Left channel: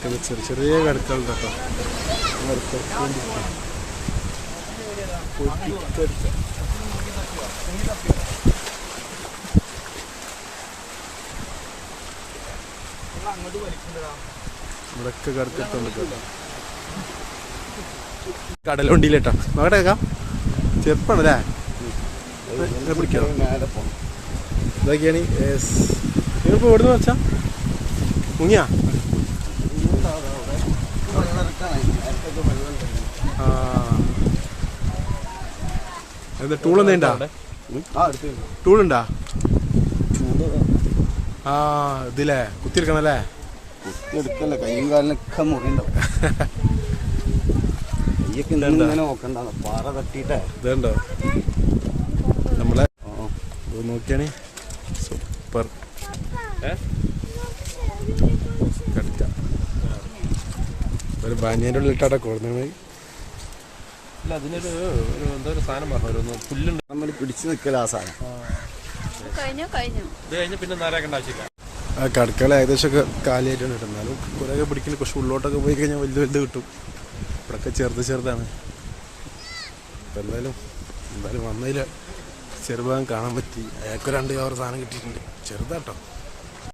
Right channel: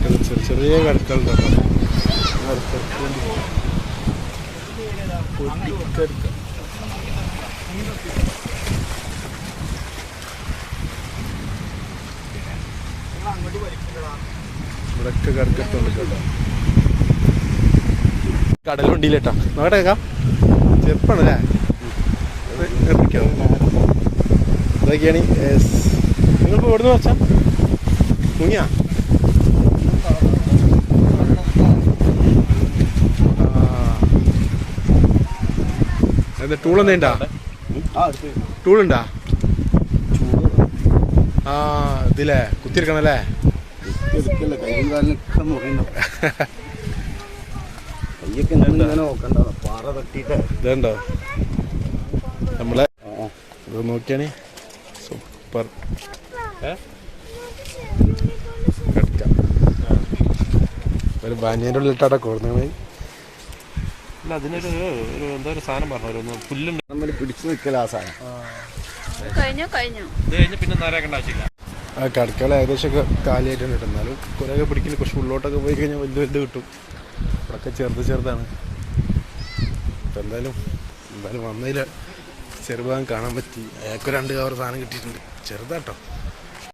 ചെറിയ ചെറിയ കടുക്കളുണ്ട് കേട്ടോ. പൊടിക്കടുക്ക ഇവിടൊക്കെ കടുക്കട്ടുണ്ട് കേട്ടോ. കടലുണ്ടിയിലേട്ടാ നോക്കട്ടേക്കാ ചെറുപ്പാണല്ലേ പിടിക്കോ. ഇതൊക്കെയാണ് നിങ്ങളിപ്പോൾ എവിടുന്ന് വെച്ചാ മുങ്ങിയാ? എന്താ ടൂളെന്താ ടൂളുണ്ടാ? ആ ഇതില്ലേ കുത്തിയെടുക്കണല്ലേ? ഇതുണ്ടോ നമ്മളെ ഇത് നോക്കിയാണി സൂപ്പർ ഒരു ബാനിയൻ്റെ ഉള്ളിട്ടാ കൊടുക്കുന്നത്. അല്ല അതിനൊരു എന്തോ ഒരു സാധനം പറഞ്ഞു പുല്ലുണ്ട് നമ്മൾ പിടിച്ചു നിൽക്കല ആ സാധനം. ഇത് കഴിഞ്ഞ് പിന്നെ നേരാക്കേണ്ട ആവശ്യമില്ല. ആ കടുക്കള ഏകദേശമൊക്കെ കാലിയായിട്ടാണ് കിട്ടും. എന്നാലും കുറേയൊക്കെ പിടിക്കില്ല. കുറച്ച് ഉള്ളോട്ടൊക്കെ പോയി കഴിഞ്ഞാൽ വലുത് വലുത് കിട്ടും. ഇവിടെയൊക്കെ ചെറുതാണ്. അപ്പം എന്തായാലും വന്നതിൽ ചെറുഭാഗം കാണാൻ പറ്റി. അയാൾക്ക് 2 കവർ സാധനം കിട്ടിയിട്ടുണ്ട്. ചെറുതാട്ടോ.